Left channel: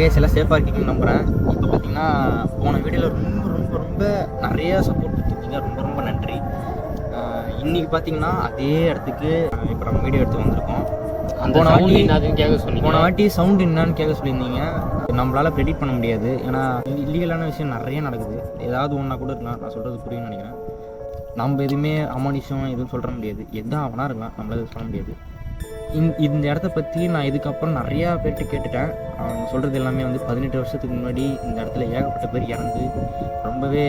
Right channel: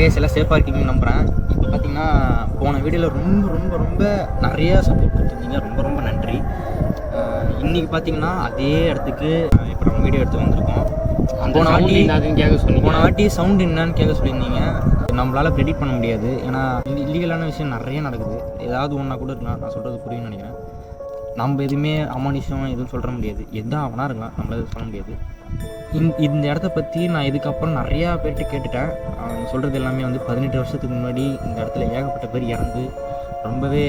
Case எல்லாம் சேஃபாக இருக்கீங்கன்னு நம்புகிறேன். இப்போ பார்த்தீங்கன்னா போன வீடியோவில் ரொம்ப ரொம்ப ரொம்ப நிறையா சப்போர்ட் கொடுத்துருந்தீங்க, ரொம்ப ரொம்ப நன்றி. இன்றைக்கி பார்த்தீங்கன்னா அதே இடத்துக்கு இப்போ நம்ம வீடியோ எடுத்து வந்திருக்கோம். போன வாட்டி சவுண்ட் என்னான்னு கேட்க சொல்லியிருந்தீங்க. நம்மளால் ப்ரெடிக்ட் பண்ண முடியாது, ஏன்னா இல்லீகலான விஷயம் நிறைய நடக்குது. ஏதாவது ஒன்றா கூட இருக்கலாம், நான் சொல்கிறது புரியும்னு நினைக்கிறேன். நம்ம எதுவுமே அமானுஷம் எதுவும் சொல்ல முடியாது, எதா அவனா இருக்கலாம், நம்மளால சொல்ல முடியாது. இந்த இடத்த பற்றி நான் இதுக்கப்புறம் நிறையா பேர்கிட்ட கேட்டுட்டேன். அவங்க சொல்கிறது எல்லாமே வந்து 18 வருஷத்துக்கு முன்னாடி இந்த இடத்துல ஏகப்பட்ட பேர் இறந்து ரொம்பவே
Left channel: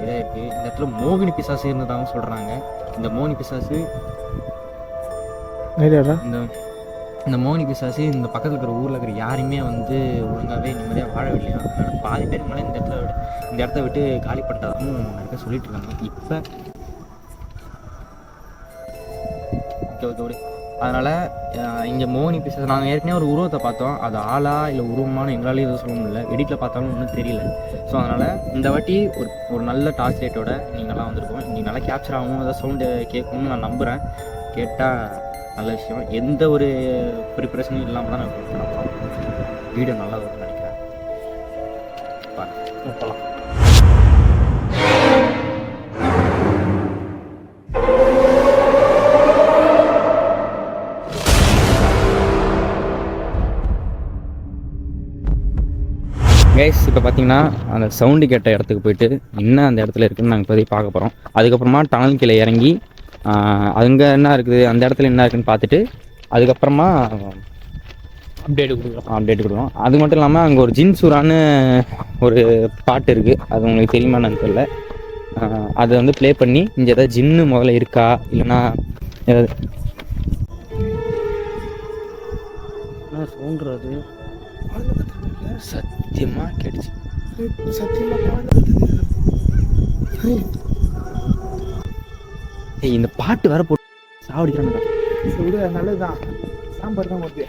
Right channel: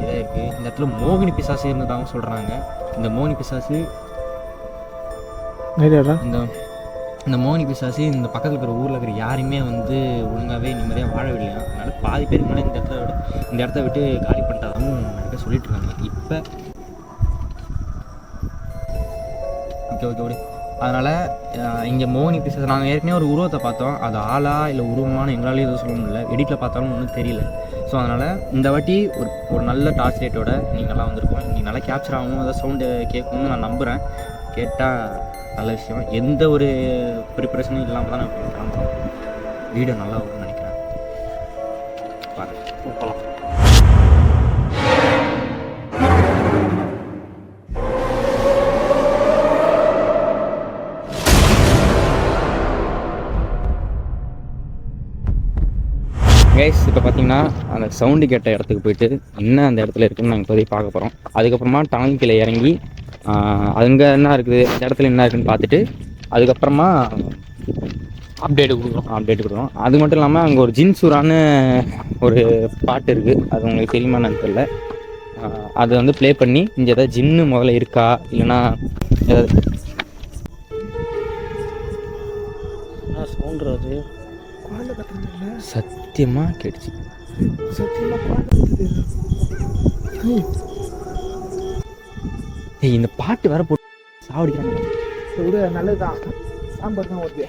இதாக இருக்குது. இந்த இடத்துல மோகினி பிசாசு இருந்ததாகவும் சொல்கிறாங்க. இந்த மோகினி பிசாசு இந்த மோகினி பிசாசு இந்த பக்கத்தில் இருக்கிற ஊரில் இருக்கிற யாருமே வந்து ஒழுங்காகவே நிம்மதியாக வாழவில்லையா. அதனால் பாதி பேருக்கு மேலே இந்த இடத்த விட்டு காலி பண்ணிட்டதாகவும் நிறைய பேர் சொல்லிட்டு இருக்காங்க. இப்போ ஓகே அதனால் இங்கே மோகினி பிசாசு நாங்கள் ஏற்கனவே ஒரு உருவத்தை பார்த்தோம். அது ஆளா இல்லை உருவமான எங்களாலேயும் எதுவும் சொல்ல முடியல, எடிட்டில் பார்த்தாலும் ஒன்றும் தெரியல. ஸோ அதனால் இந்த வாட்டி ஒரு நல்ல டார்ச் லைட்டோட நீங்கள் நல்லா வந்திருக்கோம். நீங்கள் நல்லா கேப்சர் ஆகும், ஏதாவது சவுண்டு கேட்கணும்னு நான் நம்புகிறேன். கேட்டால் நல்ல விஷயம். எந்த ஒரு ப்ரிப்பரேஷனும் இல்லாமல் தான் நான் கிளம்புறோம். வீடியோ நல்லா வரும்னு நினைக்கிறேன். போகலாம். கைஸ் இப்போ பார்த்தீங்கன்னா அந்த சவுண்டு கேட்ட இடத்துக்கு போயிட்டு என்ன அந்த இடத்துல இருக்குதுன்னு நாங்கள் இப்போதைக்கு பார்க்க போகிறோம். அதுக்கப்புறமா டனல் கீழே இறங்கி அங்கே என்ன இருக்குது, அந்த இடத்துல என்ன இருக்குதுன்னு பார்த்துட்டு அதுக்கப்புறமா அப்டேட் கொடுக்குறோம். அது மட்டும் இல்லாமல் அங்கே ஒரு ஜின்சூரான்னு ஒரு பாட்டு இருக்குது, அது உங்களுக்கு தெரியுமான்னு தெரியல. அதை வந்து ப்ளே பண்ணி இங்கே ஏதாவது ஜின்னு முதல்ல இருக்கா இல்லைன்னா ஏதாவது சவுண்டுறது சத்தியமாக கேட்டுச்சு. இந்த பாட்டு வேற போட்டு சாவடிக்கிறாங்க. நல்லதுதான், சாம்பார் தான் ஓகே.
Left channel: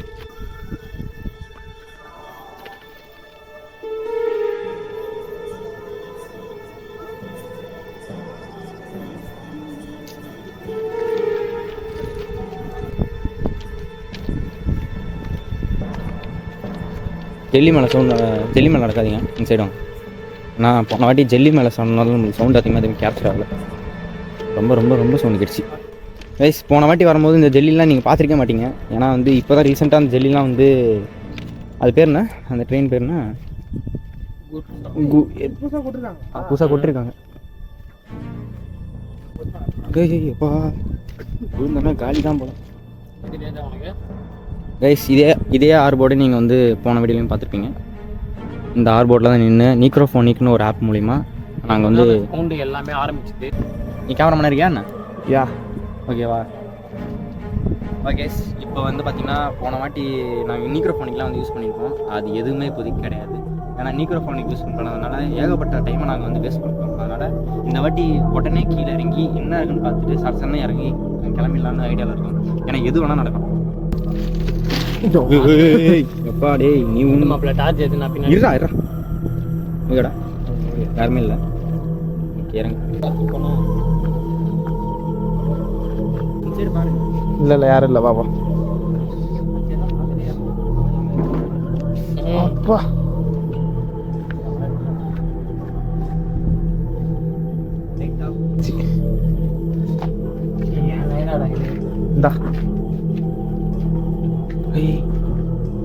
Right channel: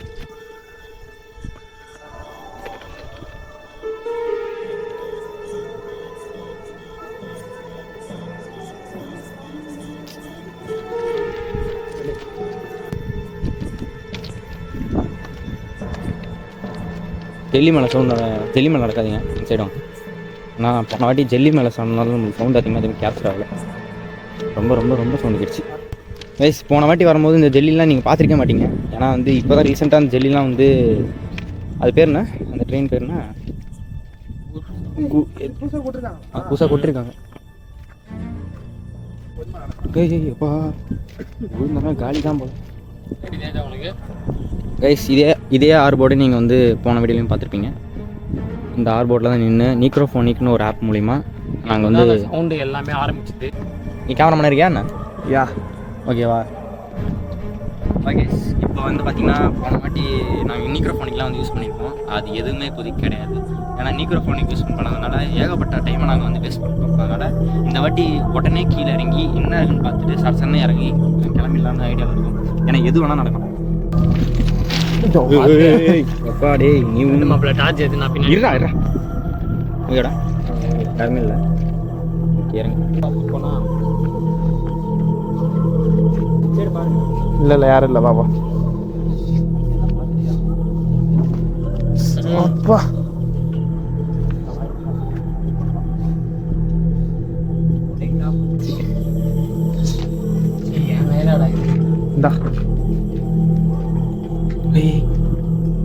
ஜெல்லி மேலே நடக்காதீங்க இந்த சைடும். நான் போன வாட்டி ஜெல்லி மேலே சொன்னாலும் உங்களுக்கு சவுண்ட் அதிகமாக கேப்சர் ஆகலை. ரொம்ப ரொம்ப ரொம்ப சவுண்டு கிடுச்சு. கைஸ் போன வாட்டி வரும்போது இந்த ஜெல்லிலாம் நீங்கள் பார்த்துருக்க மாட்டீங்க, ஏன்னா வந்து இப்போ தான் ரீசெண்டாக அந்த ஜெல்லிலாம் வந்து அது பேர் என்ன, அந்த ட்ரெயின் பேர் என்ன, புதுசாக கொட்டிருக்காங்க. எப்பா காலி தான் போல. கைஸ் இதே ஆர்போர்டு நீங்கள் வந்து போன வீடியோலையும் பார்த்துருப்பீங்க. இந்த ஆர்போர்டில் தான் நின்று நீக்ரோஃபோனிக்னு ஒரு ஆப் மூலிமா நாங்கள் வந்து சவுண்டு எல்லாமே ஆரம்பிச்சுது. நீ கேமரா இருக்கியா என்ன? யா ஓகேவா. ஓகே இப்போ வந்து பார்த்திங்கன்னா போன வாட்டி நாங்கள் நீக்ரோஃபோனிக்லாம் வந்து யூஸ் பண்ணியிருக்கோம். அது எதுவுமே இப்போதைக்கு கிடையாது, ஏன்னா நீக்ரோஃபோனிக் யூஸ் பண்ணதுனால ஏகப்பட்ட டைமை நாங்கள் வந்து வேஸ்ட் பண்ணிட்டோம். அதனால் இந்த வாட்டி உடனே கீழே இறங்கி என்ன இருக்குன்னு பார்த்துட்டு சடசன்னு இறங்கி கிளம்பிடலான்னு ஐடியாவில் இருக்கும். ஏன்னா எது வேணால் நடக்கும். நீ மாப்பிள்ள டார்ச் எடுத்து நான் பின்னாடி ஓகேடா, யாருமே இல்லை. இல்லை யாரும் இல்லை பாப்பா. அப்பா இந்தா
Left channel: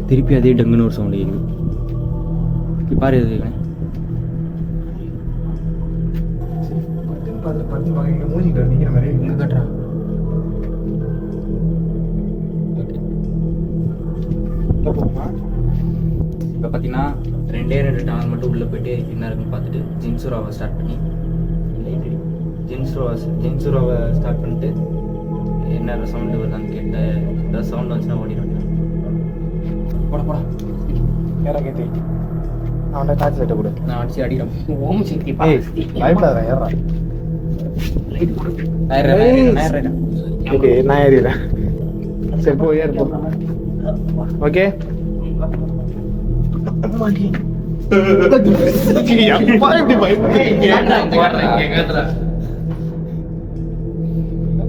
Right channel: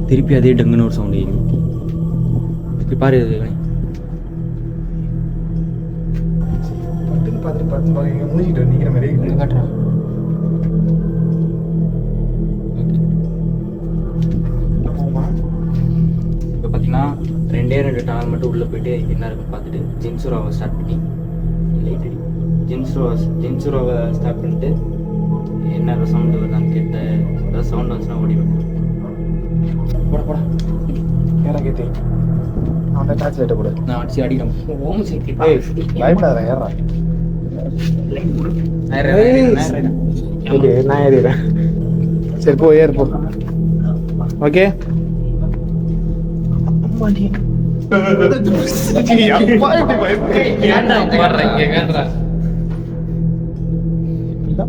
திருப்பி அதே டங்குன்னு ஒரு சவுண்ட் கேட்குது. இப்படி பாரு, காட்டுறா. இப்போ பார்த்தீங்கன்னா 2 டனல் மட்டும் உள்ளே போயிட்டு என்ன இருக்குன்னு பார்த்துட்டு ஜின்சூராவை ஸ்டார்ட் பண்ணி லைட் அடி ஜின்சூராவை ஸ்டார்ட் பண்ணிட்டு என்ன சவுண்டு வருதான்னு கேட்டு ஏதாவது சவுண்ட் வந்துச்சுன்னா ஓடிடுவேன். போட ஏறா கேத்தி அவன்கிட்ட டார்ச் லைட்டை கொடு, நான் அடிச்சு அடிக்கிறேன். ஓம் சக்தி பயப்படாத, ஏறா லைட் கொடு. நான் ஏறிடுறேன். சரி போ, ஏறு போ. ஓகே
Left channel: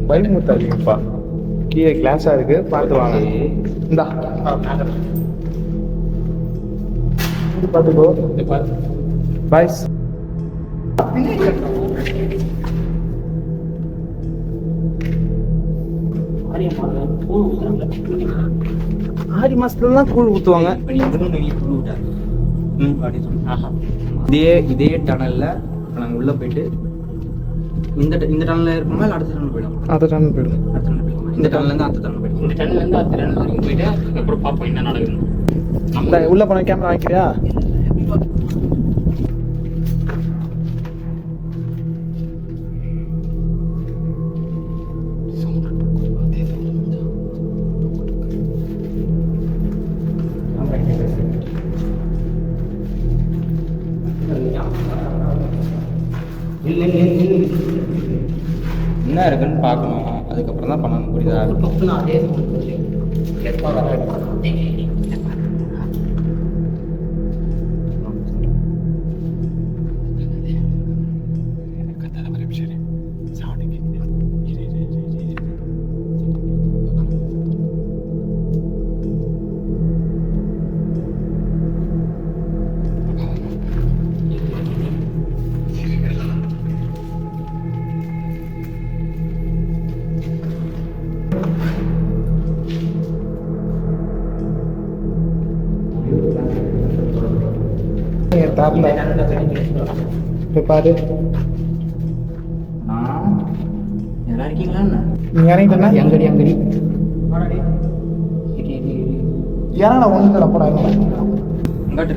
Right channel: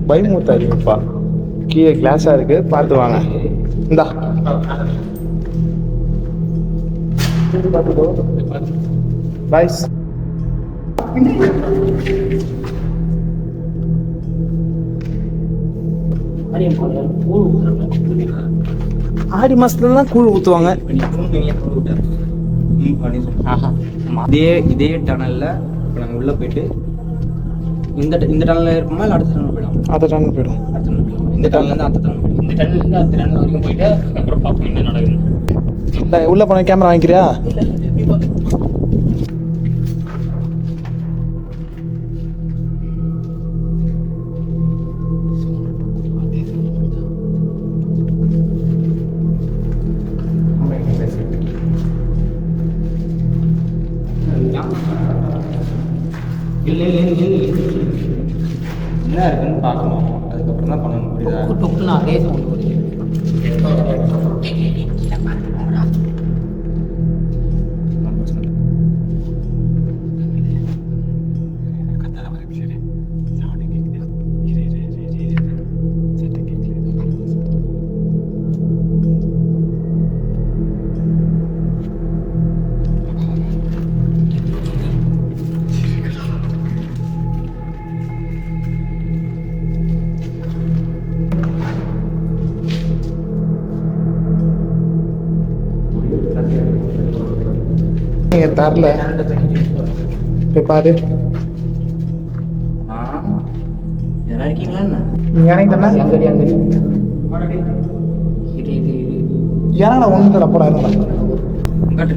பயமுத்தாதீங்கப்பா, கீழே கிளாஸா இருக்கு, பார்த்து வாங்க. இந்தா பார்த்துக்கோ பாய்ஸ். ஆடி மாசத்துலலாம் கூழ் ஊற்றுவாங்க. இதே டனலில் இப்போ நாங்கள் உள்ளே போயிட்டு இந்த டனலில் இருப்போமா இல்லை அடுத்த டனல் போயிடும்? அடுத்த டனல் போயிடும். அடுத்த டனல் போயிடுமா? இந்த டனல்லேருந்து அடுத்த டனல் போயிடும். இந்த டனல்லேருந்து அடுத்த டனல் வரைக்கும் போயிட்டு அப்புறம் பார்ப்போம் என்ன நடக்குது. உள்ளே போன கேமரா வாங்கிக்கிறியா? என்ன இருக்குன்னு பார்க்கணும், அதுக்கப்புறம் தான் பண்ணணும். புரியுதா? அதே நீங்கள் தரல போய் பாரு. எல்லாம் இருக்கீங்களா என்ன? நீ இறங்கிட்டா அங்கடி இறங்கடா ஒன்று தர போடா என்னடா அங்காட்டு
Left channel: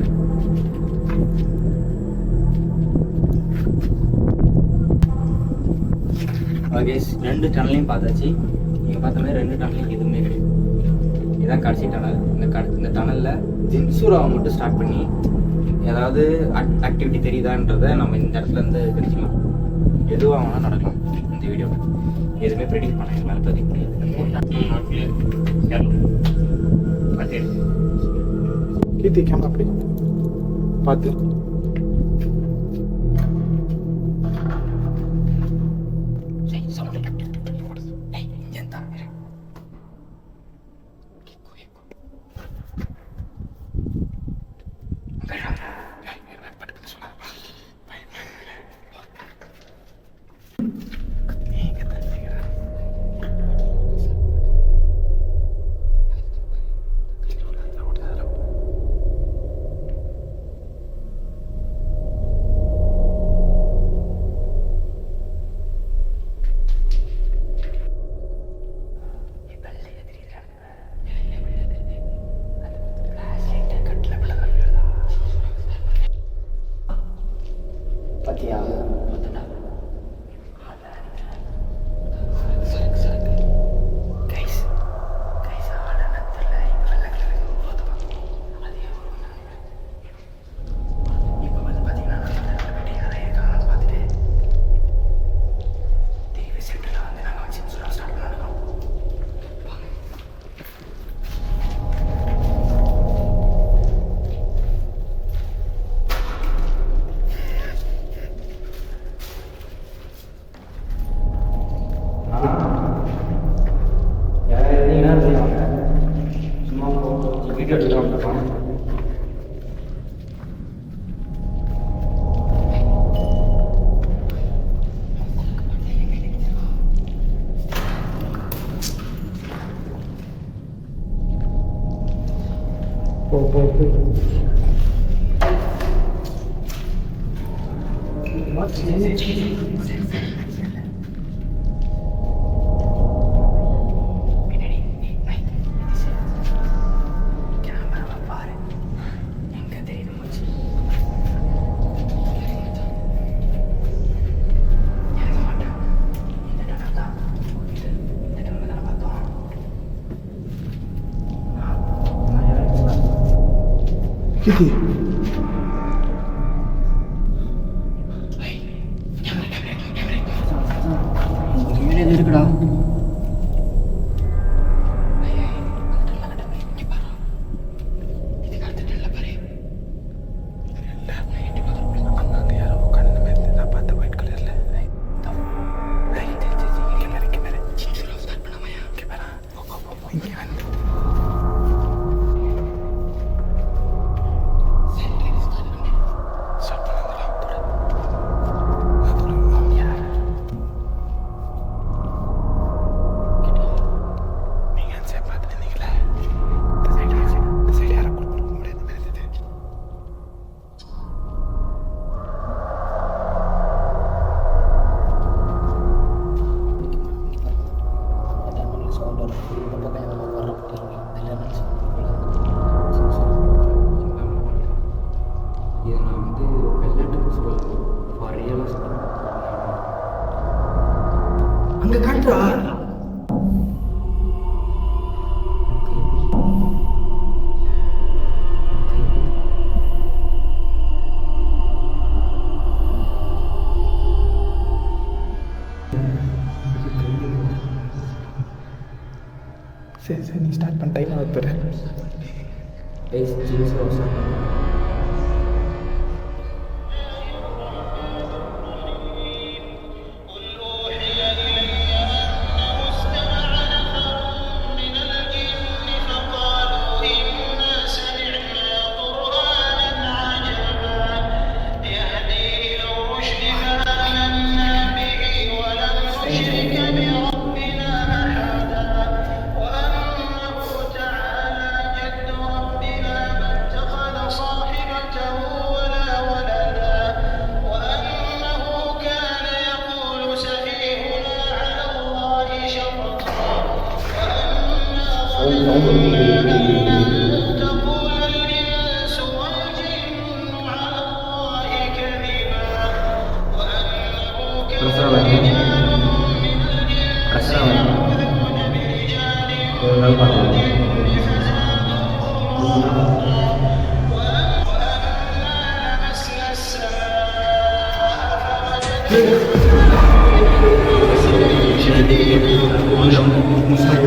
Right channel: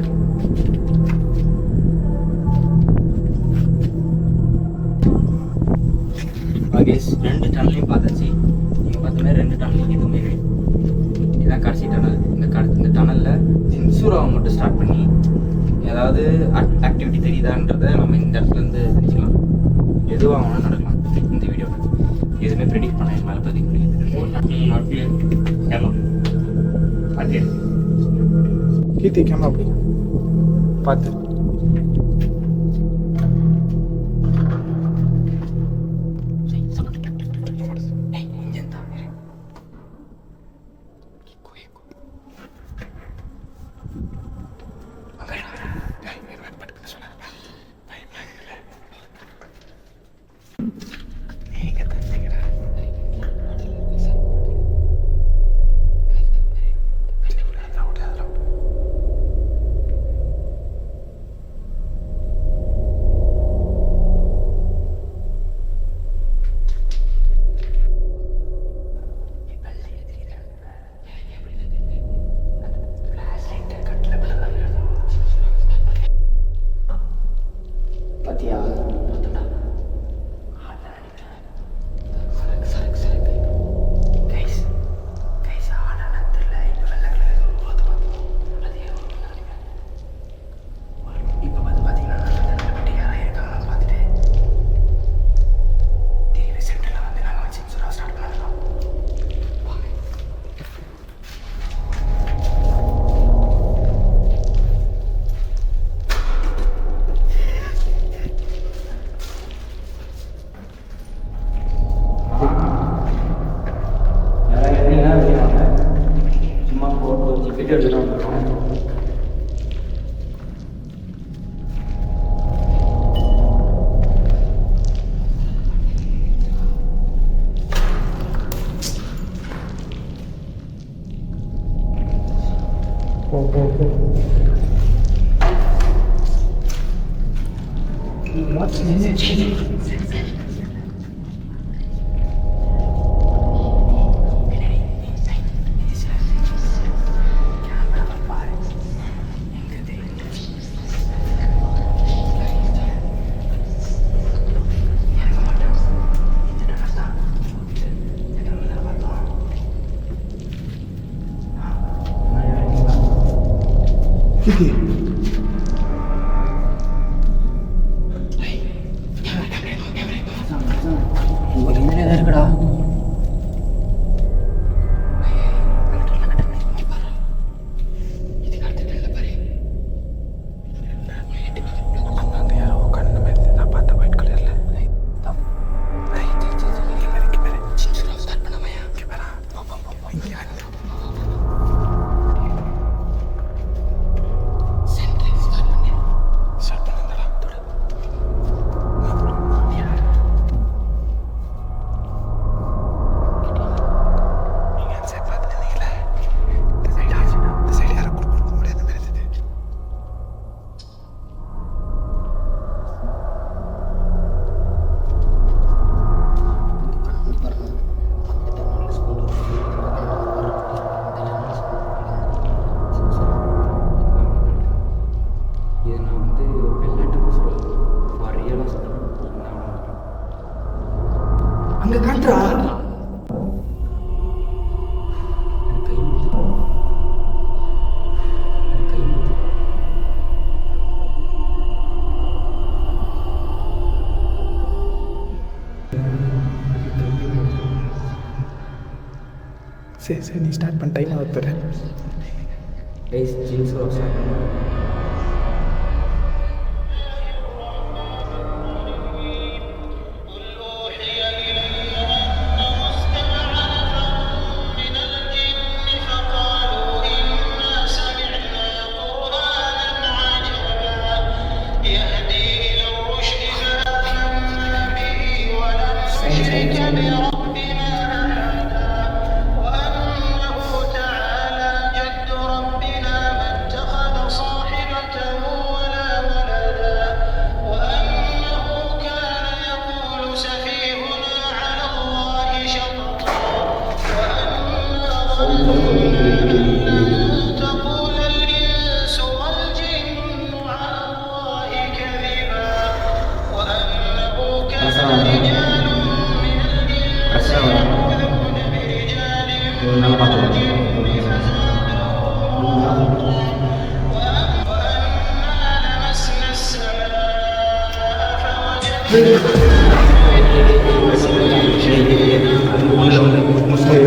ரெண்டு டனலையும் பார்த்தாச்சு. நீங்கள் பார்த்த மாதிரி ரெண்டு டனலையும் எதுவுமே கிடையாது. இதுதான் கடைசி டனல். இந்த டனலில் ஜின்சூராவை மட்டும் ஸ்டார்ட் பண்ணி ஏதாவது ஆக்டிவிட்டி தெரியுதான்றதை நம்ம இந்த இடத்துல இருந்து தெரிஞ்சுக்கலாம். எதுவாக வேணால் நடக்கலாம். இந்த வீடியோ எதுவுமே ப்ரெடிக்ட் பண்ண எங்களால் பதிக்க முடியாது. கீர்த்தி கேமரா அப்படி பார்த்து பத்தியா சும்மா வீடியோ எடுத்துக்கலாம். போ போ போ கீர்த்தி இருக்குடா. அங்கே காட்டுறா சரி சரி நீ ஸ்டார்ட் பண்ண டைம் ஆகுது பாரு.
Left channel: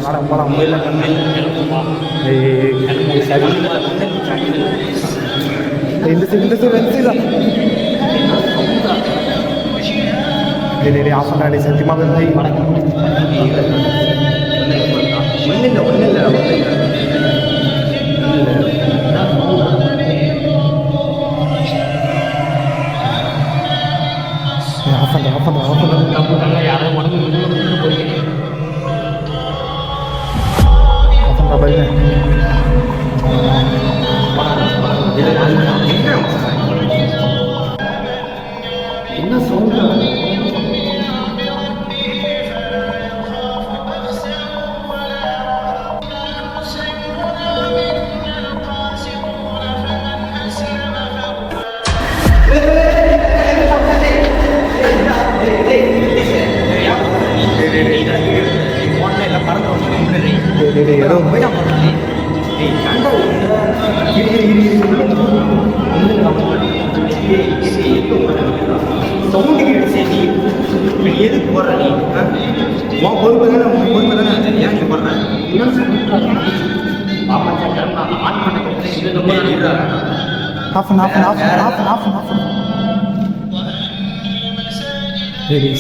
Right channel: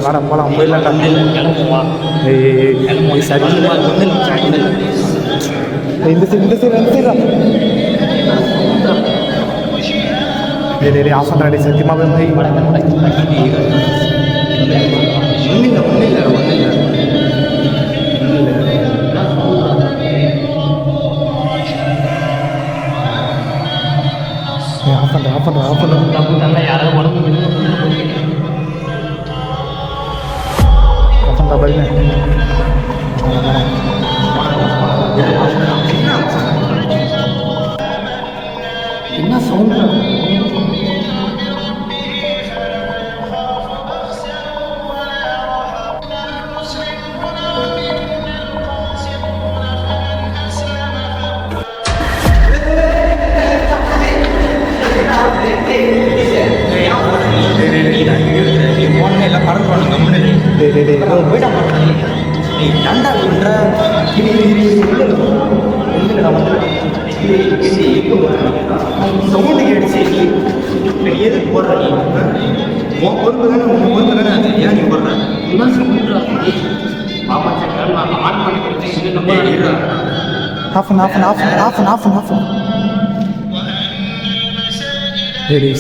வாடா போகலாம் போயிடலாம் தம்பி. சரி இந்த சைடு இந்த சைடு இந்த சைடு டேய் ஆஃப் பண்ணுறா டே சத்தியமாக ஆஃப் பண்ணுறா ஆஃப் பண்ணுறா ஆஃப் பண்ணுறா நல்லா யாராவது உடம்பு ஆஃப் பண்ணுறா பாருங்க. என்ன சொல்ற சவுண்டு கேட்டு நீ எதுக்கு போடுற நீ உன் பொறுப்பு தானே உன் பொறுப்பு தானே அது ஏன் நீ போடுற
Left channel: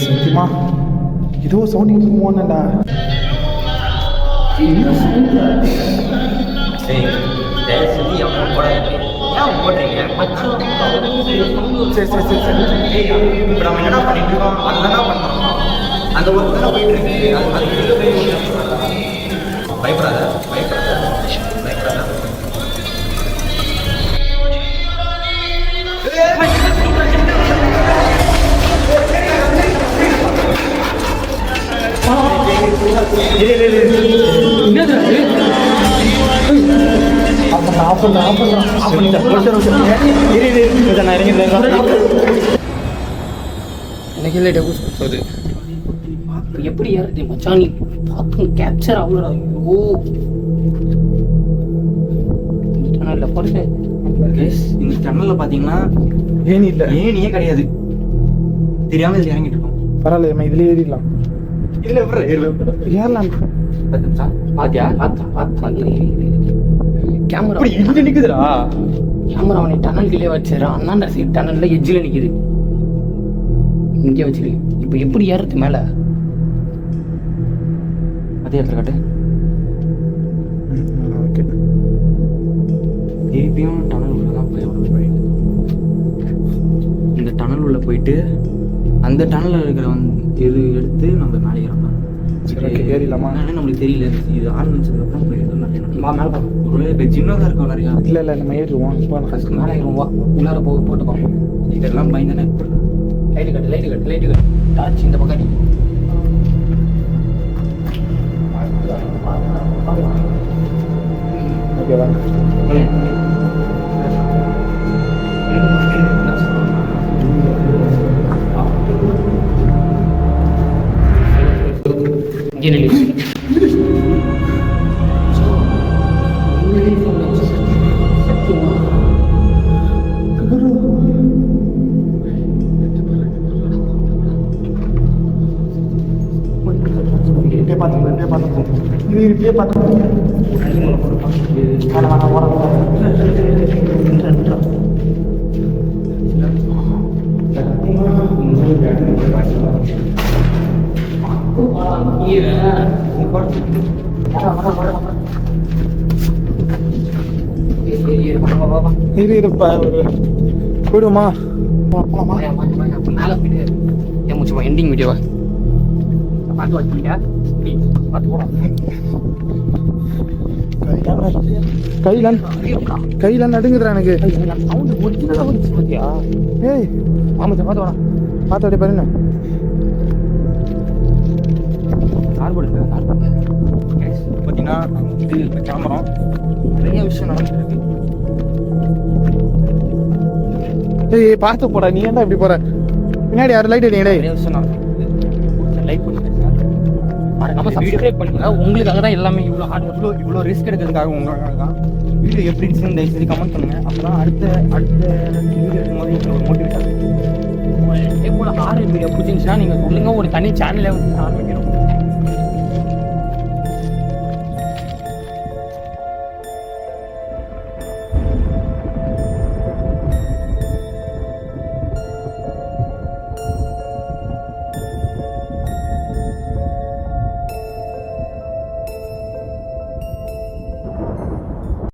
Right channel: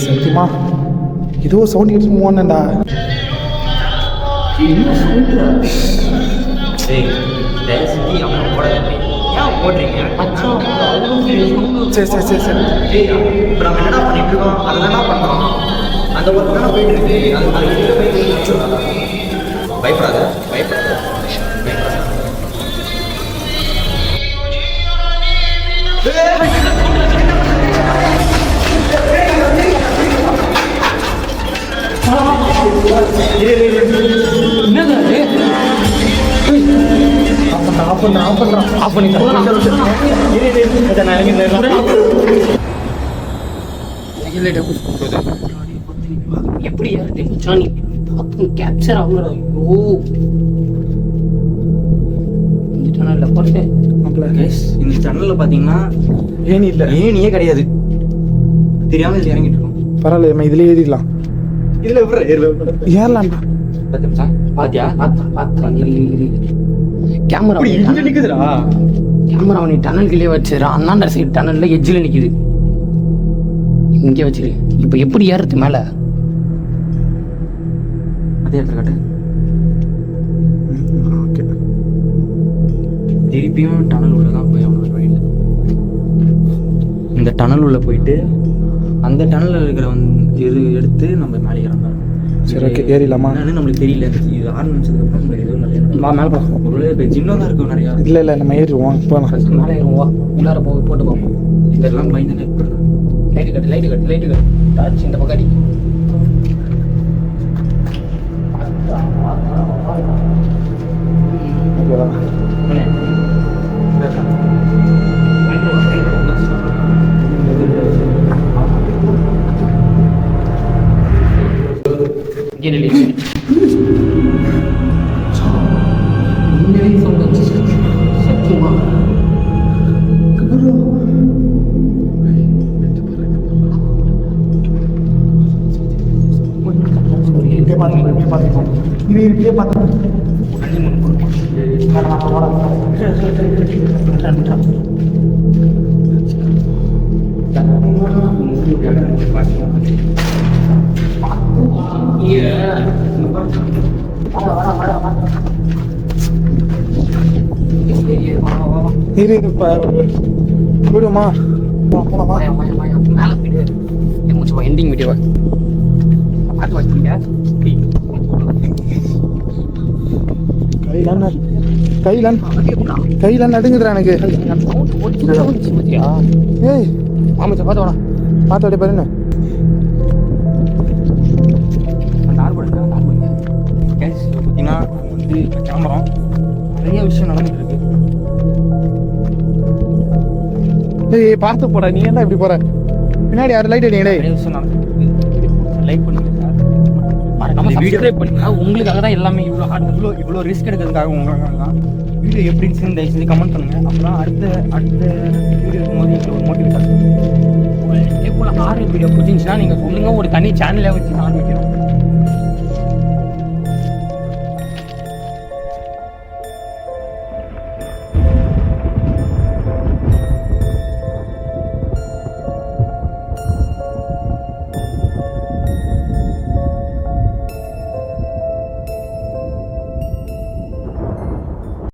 சத்தியமா ஏதோ சவுண்ட் கேட்டு போனேன்டா. சரி சரி சரி சரி இப்போ நம்ம என்னடா பண்ணிட்டு இருக்கோம் அதுதானா பண்ணுறோம் அந்த ஒர்க் தானே போயிட்டு இருக்கு பயப்படாத பயப்படாத எப்படி ஏறுது மச்சான் கேப்சர் ஆகுறா. ஐயோ இந்த டனல்ல போட்டு இந்த டனல்ல பாத்தீங்கன்னா ஏனி இல்லை ஏனியே கிடையாது. தெரியாம இதுல இறங்கிட்டு இருக்கோம். பரவாயில்ல நம்ம இதுல ஏறிடலாம். இதுல ஏறலாம். பாத்தியா கேமரா இங்க நிக்குதுடா. கேமரா நீ டனல் கீழே வச்சிரு. அண்ணாண்ட சைடு டனல்ல எட்ஜில் நிக்குது. இங்கே வச்சிரு. இப்போ எப்படி ஏறுறது மேல? அதே இடத்துல காட்டு. ஓகே திருப்பியும் டனல் உள்ள தான் போய் அவனோட வழியில் இந்த டனல் உள்ள போயிட்டு அந்த டனலில் இருக்கிற இது எடுத்து நம்ம மேலே இறந்தோம். சரி ஓகே ஏறிடலாமா? நம்மளுக்கு தெரியல இது ஆரம்பிச்சதுக்கப்புறம் நம்ம ஏதோ நிறைய மேலே பார்ப்போம். ஒரு இப்போ சின்னதாக இருக்கும் நிறையா. இல்லை இல்லை நம்ம ஏறிடுவோம். இப்போ ஃபஸ்ட்டு மேலே ஏறுவோம். உள்ளார போட்டு பார்ப்போம். இதெல்லாம் பயந்தானே இருக்கும். லைட்டு கட்டு லைட்டு கட்டு லைட்டு கட்டு டார்ச் இந்த பக்கம் அடி. ஓகேவா? இங்கே ரிலீஸ் இப்படியே பார்த்துப்போம் இது இப்படியே பார்த்துப்போம் வேணாம் ஓட இரு போயிடுமா போலாமா மேலே போயிட்டு ஏன் முடிச்சுமா எண்டிங் வீடியோவா பார்த்து வச்சுக்கியா கையில நடுங்குதுடா எனக்கு பார்த்தியா ஏய் ஆமாச்சா பார்த்து வாடா பார்த்து அப்படியே பாருங்க பார்த்தீங்கன்னா நாங்கள் வந்து இப்போ கிளம்புறோம். நிறைய விஷயம் நடந்துட்டு இருக்கு. ஏய் பார்த்து போடா நீ ஏன்டா இப்படி போற பின்னாடி யாரும் லைட் அடிங்க டேய் நிறைய விஷயம் நடந்துட்டு இருக்கு. லைக் பண்ணுங்க சார். நம்ம சப்ஸ்கிரைப் பண்ணுங்க உங்களுக்காக தான் எல்லாமே இவ்வளோ ஹார்ட் இவ்வளோ ரிஸ்க் எடுக்கிறதுக்காக உங்களுக்காக தான். வீடியோ எப்படி இருந்துச்சுன்னு தயவு செஞ்சு கமெண்ட் பண்ணுங்க. அப்போ தான் அடுத்த வீடியோ இருக்கும்போது எங்களுக்கு ஒரு மோட்டிவேட் ஆகும். இதே போல் ஹாரர் வீடியோ பிடிச்சிருந்துச்சுன்னா நீங்கள் சொல்லுங்கள் ஒரு தனி சேனலை வச்சு ஆரம்பிக்கிறோம்.